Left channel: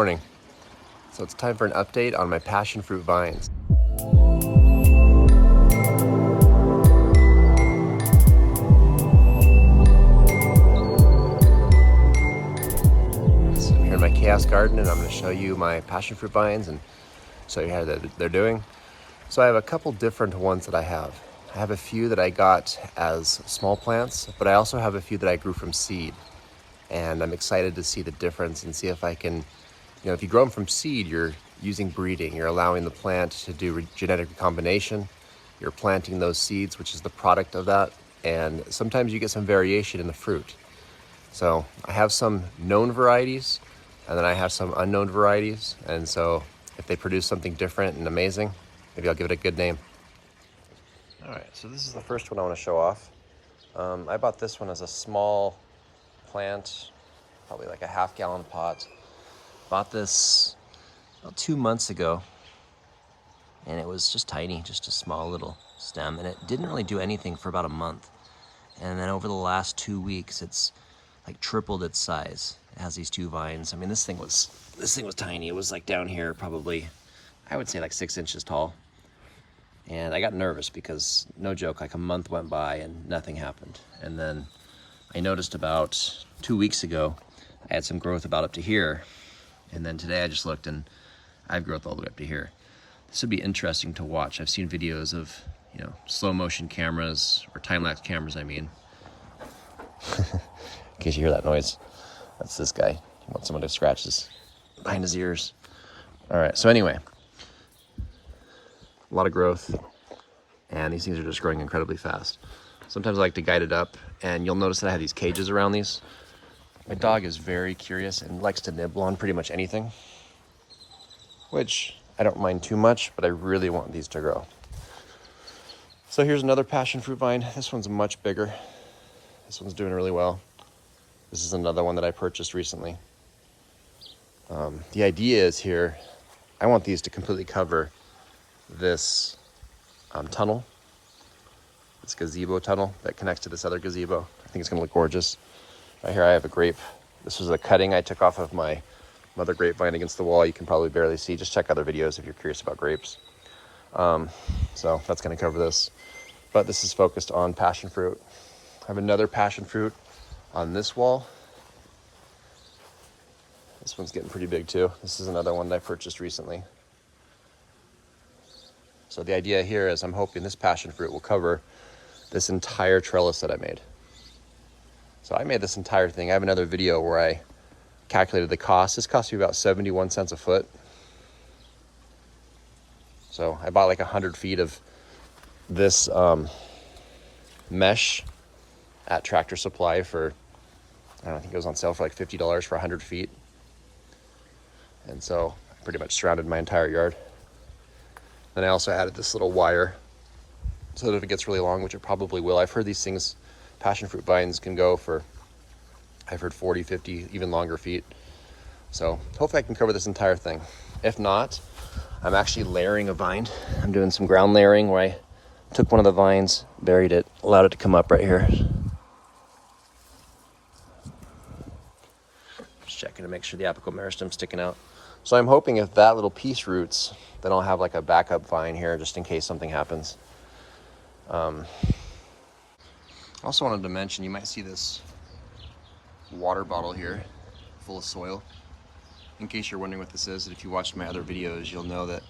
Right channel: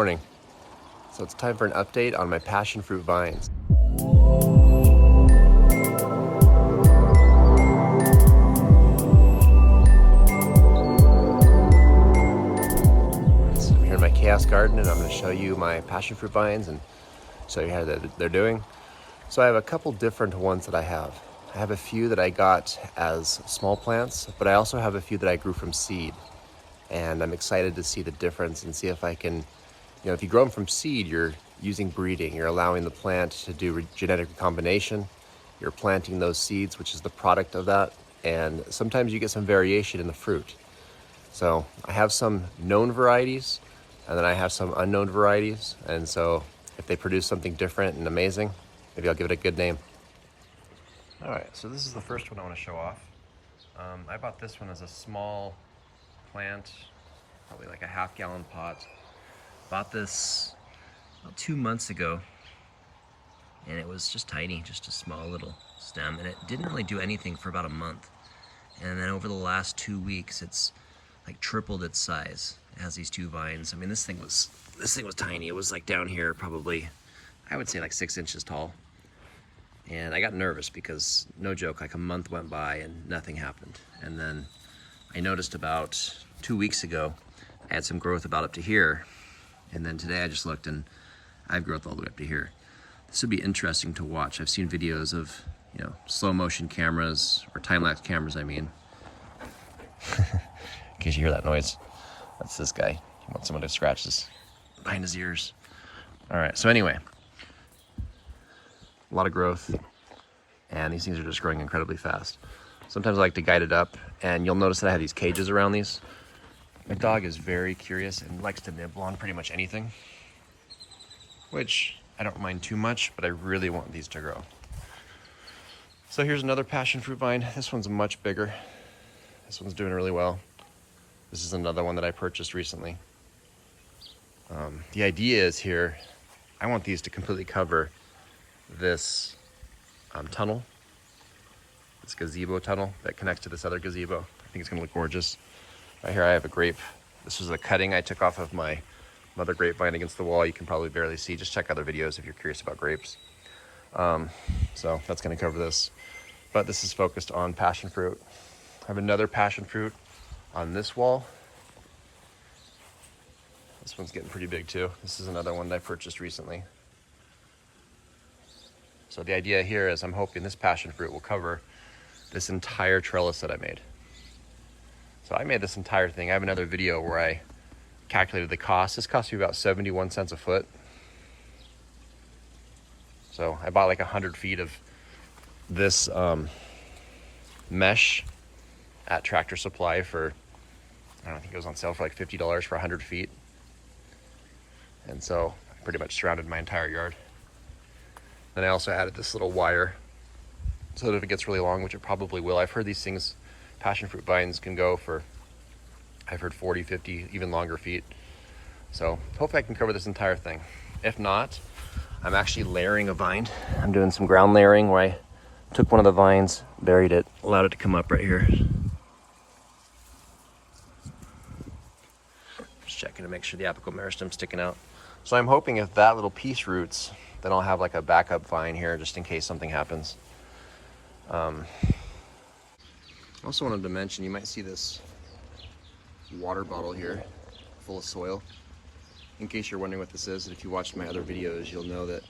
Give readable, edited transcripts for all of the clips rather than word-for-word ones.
Morning. So it's time for an update on my passion fruit vines. So I'm here in my chaos garden and I'm going to show you my passion fruit vines and show you how they're doing. So I have a couple different ones that I have. I have a few that I got as small plants, but I also have a few that I grew from seed. And I'm excited to see the difference and see if I can, if you grow them from seed, you're using breeding. You're allowing the plant to do genetic recombination. You're planting those seeds, which is the product of that. And sometimes you get some variation in the fruit. So I have some known varieties, and then I have some unknown varieties. And so if they produce something different and amazing, maybe I'll give it a good name. All right, so this is the first one I want to show off. I bought this one as a small plant, probably like a half-gallon pot. Bought this about 2 months ago, and it was just tiny, just a small little stem, and it didn't really do anything for about a month. And then over the last 2 weeks, it's like tripled its size. It has these two vines. I mean, this thing was tiny. It was like down here, probably, I would say like 6 inches tall. And I got nervous because, no joke, like a month went by and nothing happened. And then I noticed about 2 weeks ago, I had some growth about up to here. And then today I just looked and I have growth all the way up to here. This would be interesting to watch. I've seen videos of, slow motion cameras, or time-lapse cameras, I mean. In case you hear that noise, that's this guy. I want someone to scratch this behind his ears. All right, so anyway, a lot of growth, and these things are just growing incredibly fast. Sometimes I like to guide it up, and you'll notice that I have these cages around these. My dog is very curious and likes to nibble on pretty much anything, which I don't mind too much, but I really want these to grow. So here's another passion fruit vine. This one's much bigger. This one's doing really well. This is another one that I purchased recently. The idea is here, I want these to completely cover this tunnel, this gazebo tunnel that connects to this other gazebo. I think it's gonna look gorgeous. Right here I have a grape. This was a cutting I took off of my mother grapevine against the wall. You can probably barely see. Just check other videos if you're curious about grapes. So that's gonna cover this. But this is focused on passion fruit. I have another passion fruit on this wall. This one's getting pretty big too. This is another one that I purchased recently. So the idea here is I'm hoping this passion fruit will cover this entire trellis that I made. So I made this entire thing. I have another video where I calculated the cost. This cost me about 71 cents a foot. So I bought like 100 feet of this mesh at Tractor Supply for, I think it was on sale for like $50 for 100 feet. And so I pretty much surrounded my entire yard. Then I also added this little wire so that if it gets really long, which it probably will, I've heard these things, passion fruit vines can go for, I've heard 40, 50, even longer feet. So hopefully I can cover this entire thing. If not, I'm actually layering a vine. I'm doing some ground layering where I took one of the vines, buried it, allowed it to come up right here. Just checking to make sure the apical meristem's sticking out. So I'm hoping if that little piece roots, then I'll have like a backup vine here just in case something happens. I also wanted to mention, you might see this water bottle here full of soil. In case you're wondering what this is, and if you watched my other videos, you'll know that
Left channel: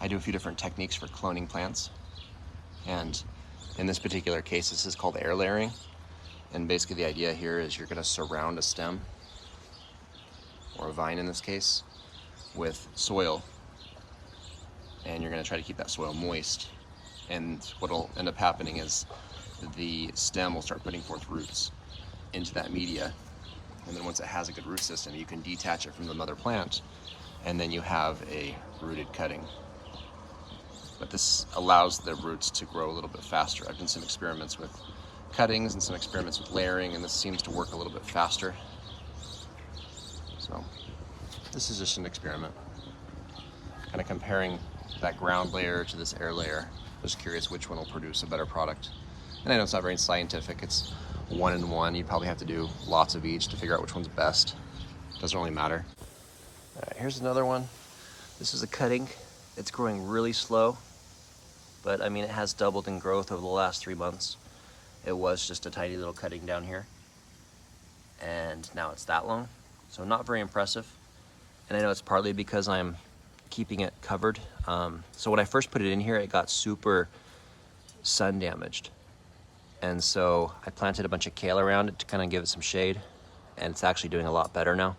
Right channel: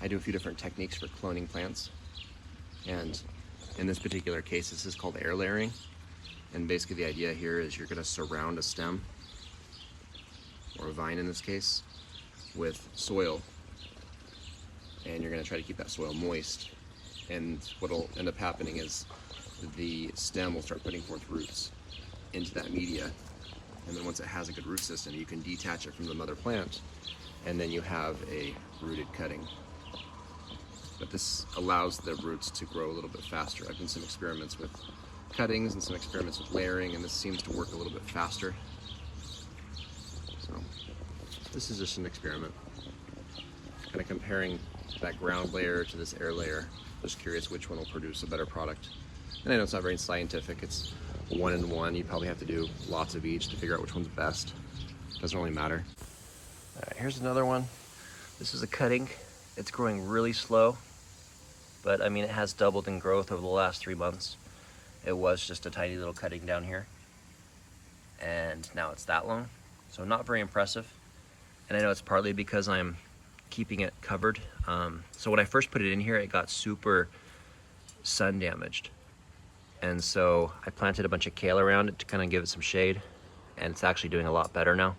I do a few different techniques for cloning plants. And in this particular case, this is called air layering. And basically the idea here is you're gonna surround a stem, or a vine in this case, with soil. And you're gonna try to keep that soil moist. And what'll end up happening is the stem will start putting forth roots into that media. And then once it has a good root system, you can detach it from the mother plant, and then you have a rooted cutting. But this allows the roots to grow a little bit faster. I've done some experiments with cuttings and some experiments with layering, and this seems to work a little bit faster. So this is just an experiment, kind of comparing that ground layer to this air layer. Just curious which one will produce a better product. And I know it's not very scientific, it's 1 and 1. You probably have to do lots of each to figure out which one's best. Doesn't really matter. All right, here's another one. This is a cutting. It's growing really slow, but I mean, it has doubled in growth over the last 3 months. It was just a tiny little cutting down here, and now it's that long. So not very impressive. And I know it's partly because I'm keeping it covered. So when I first put it in here, it got super sun damaged. And so I planted a bunch of kale around it to kind of give it some shade, and it's actually doing a lot better now.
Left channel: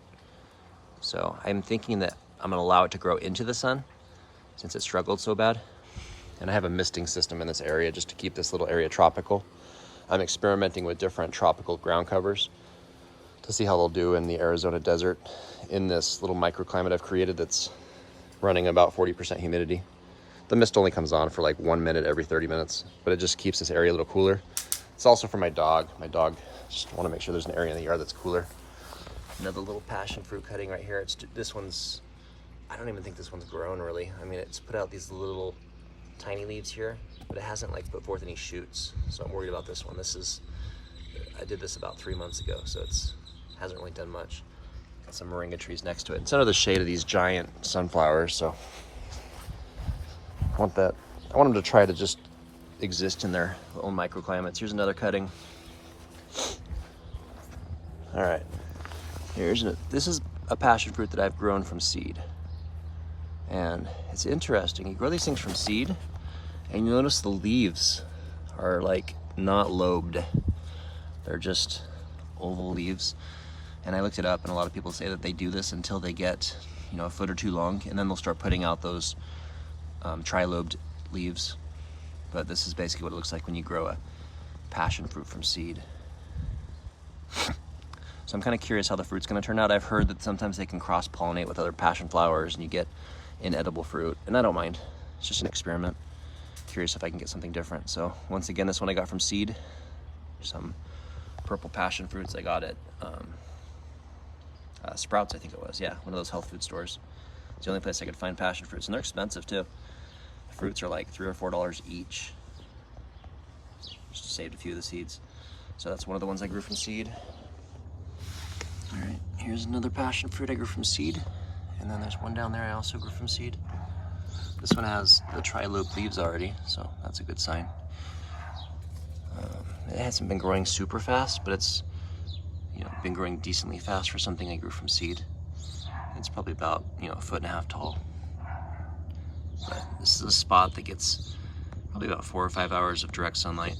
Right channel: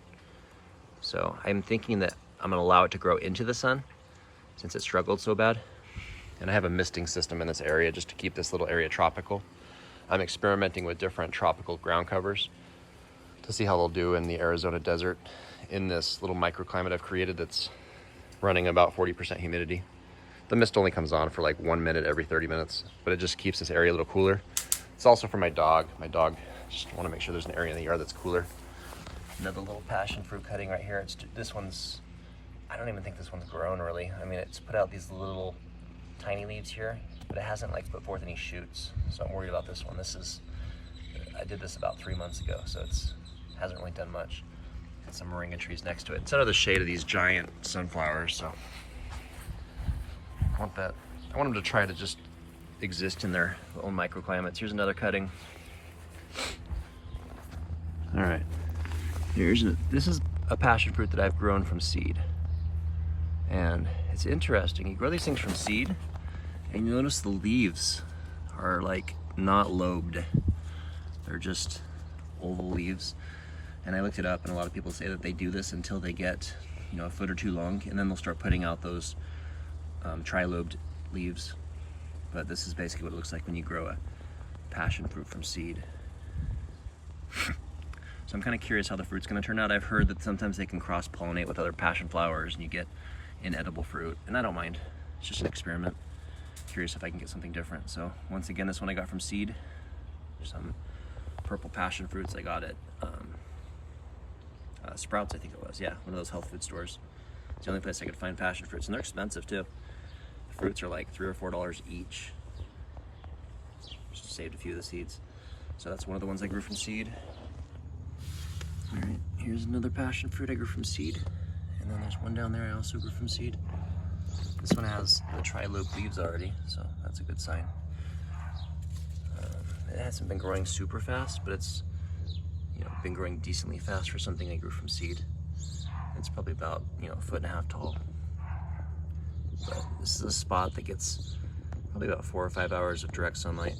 So I'm thinking that I'm gonna allow it to grow into the sun since it struggled so bad. And I have a misting system in this area just to keep this little area tropical. I'm experimenting with different tropical ground covers to see how they'll do in the Arizona desert in this little microclimate I've created that's running about 40% humidity. The mist only comes on for like 1 minute every 30 minutes, but it just keeps this area a little cooler. It's also for my dog. My dog just want to make sure there's an area in the yard that's cooler. Another little passion fruit cutting right here. This one's, I don't even think this one's grown really. I mean, it's put out these little tiny leaves here, but it hasn't like put forth any shoots. So I'm worried about this one. I did this about 3 months ago, so hasn't really done much. Got some moringa trees next to it. It's under the shade of these giant sunflowers, so I want them to try to just exist in their own microclimates. Here's another cutting. All right, this is a passion fruit that I've grown from seed. And it's interesting, you grow these things from seed and you notice the leaves are like not lobed. They're just oval leaves. And I looked it up, and a lot of people say that they do this until they get, a foot or two long, and then they'll start putting out those trilobed leaves. But this is basically what it looks like when you grow a passion fruit from seed. So I'm kind of curious how the fruit's gonna turn out. I've heard that sometimes they can cross-pollinate with other passion flowers and you get inedible fruit, and I don't mind. It's just an experiment. Curious if I can get something different. So once again, this one I got from seed. Some purple passion fruits I got at Sprouts, I think it was. Yeah, one of those health food stores. It's the only place I could find passion fruits, and they're expensive too. The fruits are like $3 or $4 each. Just saved a few of the seeds. So that's one of the ones I grew from seed. All right, here's another passion fruit I grew from seed. And then there's one down there I also grew from seed. This one has the trilobed leaves already, so that's a good sign. It hasn't been growing super fast, but it's been growing decently fast for something I grew from seed. It's probably about 1.5 feet tall. But this is a spot that gets probably about 4 or 5 hours of direct sunlight.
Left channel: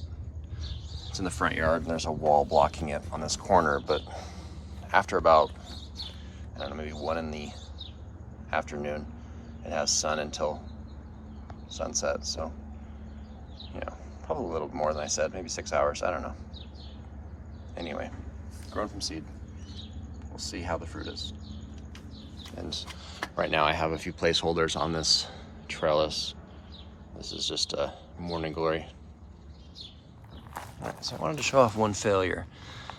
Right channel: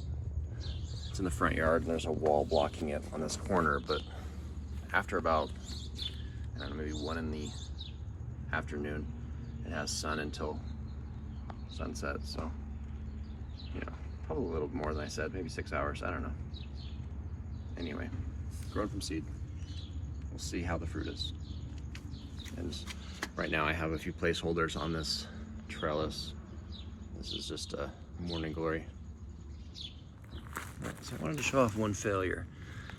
It's in the front yard, and there's a wall blocking it on this corner, but after about, I don't know, maybe 1 in the afternoon, it has sun until sunset. So probably a little more than I said, maybe 6 hours, I don't know. Anyway, grown from seed. We'll see how the fruit is. And right now I have a few placeholders on this trellis. This is just a morning glory. All right, so I wanted to show off one failure.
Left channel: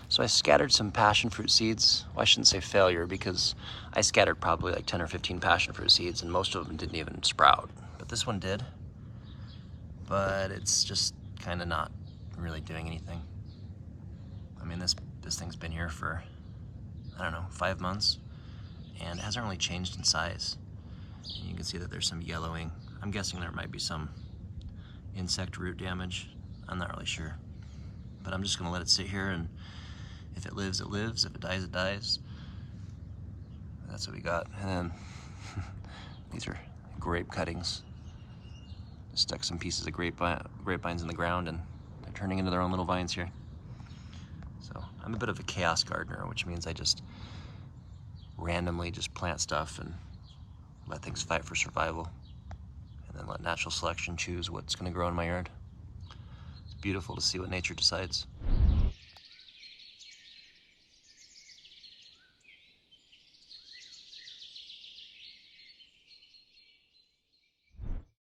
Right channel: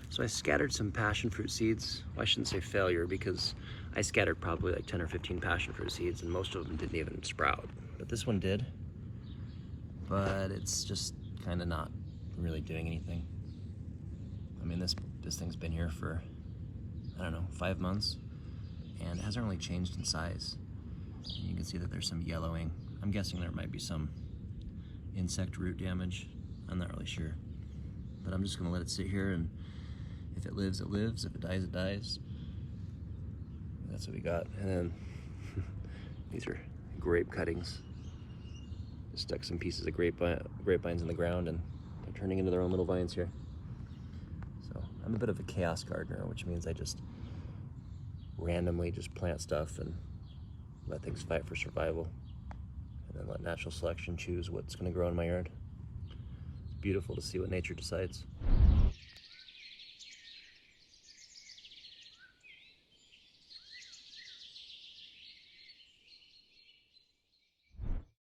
So I scattered some passion fruit seeds. Well, I shouldn't say failure, because I scattered probably like 10 or 15 passion fruit seeds, and most of them didn't even sprout. But this one did. But it's just kind of not really doing anything. I mean, this thing's been here for, I don't know, 5 months, and it hasn't really changed in size. And you can see that there's some yellowing. I'm guessing there might be some insect root damage. I'm not really sure. But I'm just gonna let it sit here, and if it lives, it lives. If it dies, it dies. That's what we got. And then these are grape cuttings. Just stuck some pieces of grapevines in the ground, and they're turning into their own little vines here. So I'm a bit of a chaos gardener, which means I just randomly just plant stuff and let things fight for survival, and then let natural selection choose what's gonna grow in my yard. It's beautiful to see what nature decides.